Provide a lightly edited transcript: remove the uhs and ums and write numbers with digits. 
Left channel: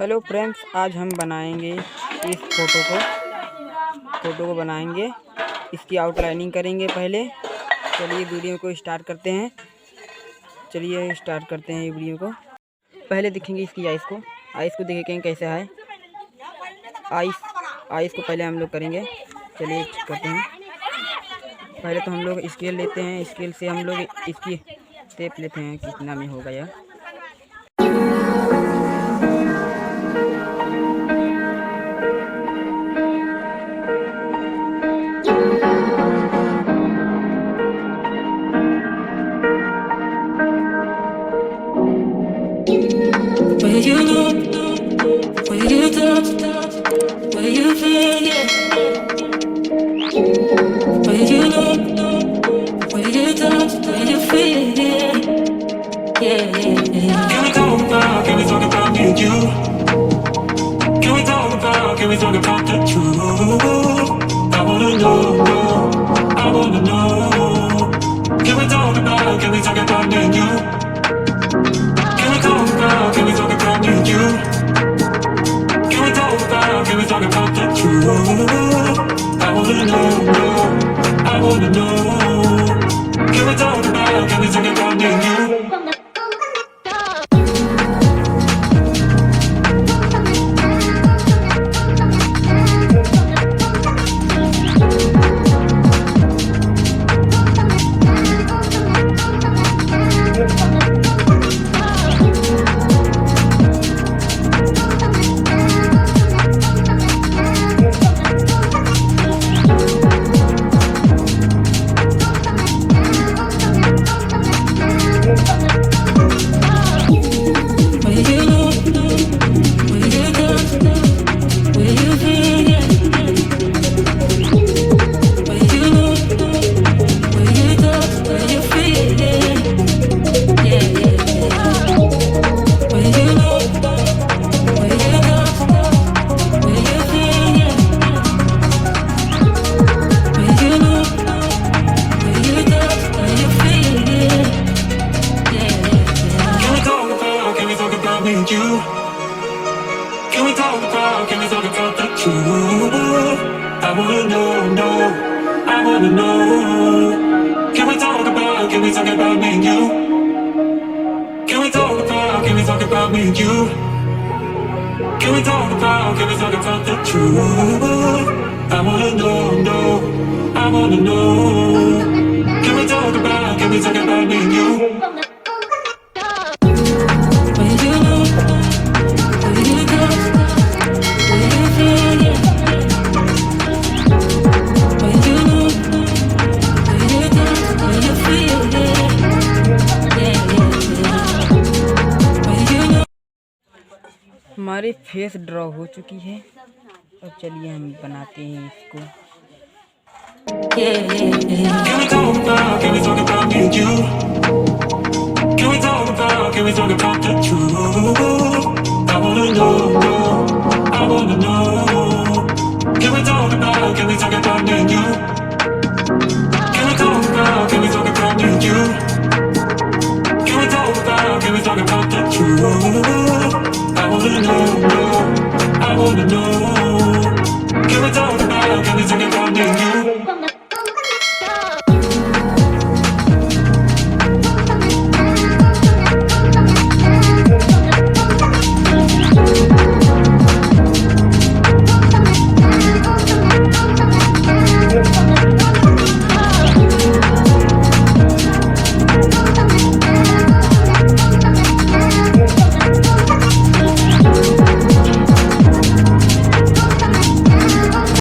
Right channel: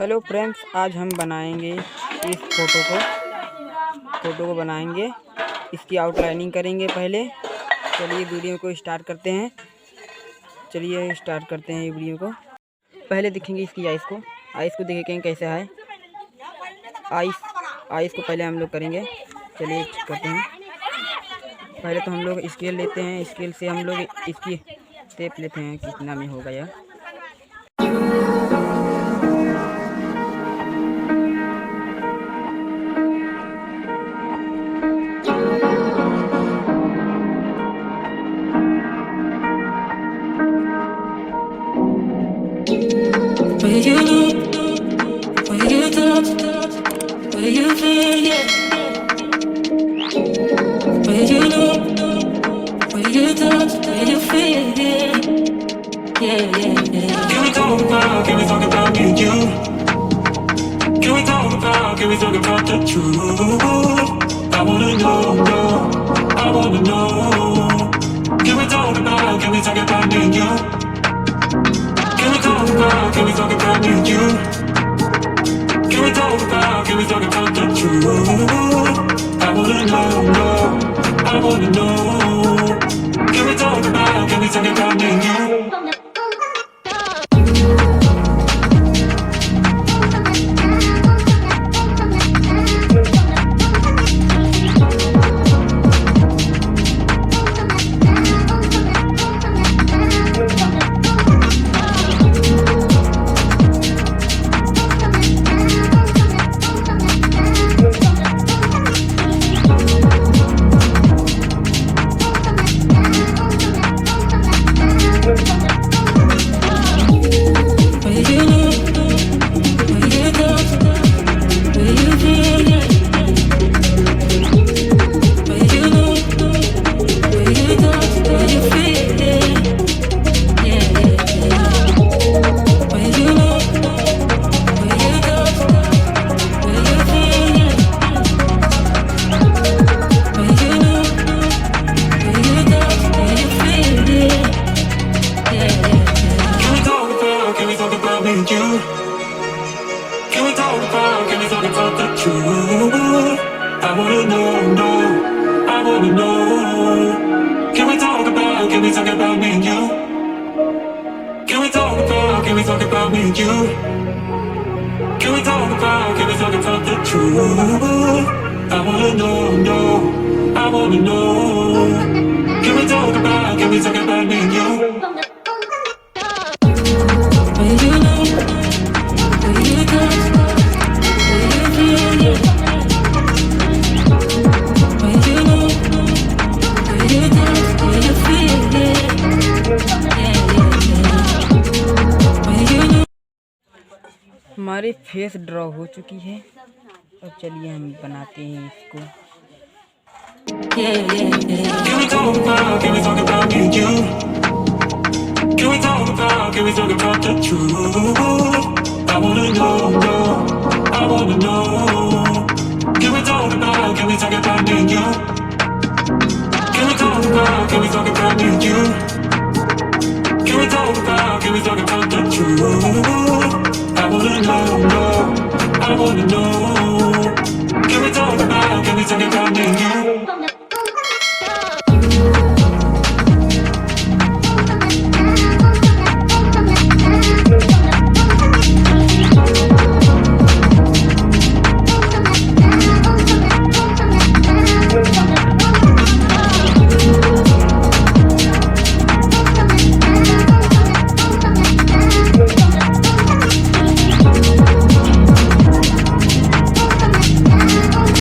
Hello friends, आज हम बनाएंगे इस फोटो को बनाएंगे। इसकी आउटलाइनिंग करेंगे पहले। चलिए वीडियो को स्टार्ट करते हैं। ये वीडियो को पहले देखेंगे इसकी आइस को देखेंगे कैसा है। आइस को पहले हम लोग करेंगे। चलिए करते हैं। पहले तो हम लोग स्केल लेते हैं। स्केल से हम लोग इसकी शेप लेते हैं, कितना में होगा यह। Where you look, where you touch, where you feel, yeah. Where you look, where you touch, where you feel, yeah. Yeah. Can we talk about me and you? Can we talk about the truth? I wanna know. Can we talk about me and you? Can we talk about me and you? Can we talk about the truth? I wanna know. Can we talk about me and you? Can we talk about the truth? I wanna know. Can we talk about me and you? Can we talk about me and you? Can we talk about the truth? I wanna know. Can we talk about me and you? Where you look, where you touch, where you feel, yeah. Where you look, where you touch, where you feel, yeah. Where you look. हमारी face draw हो चुकी है। अब चलिए हम बनाते हैं इसको। Can we talk about me and you? Can we talk about the truth? I wanna know. Can we talk about me and you? Can we talk about me and you? Can we talk about the truth? I wanna know. Can we talk about me and you?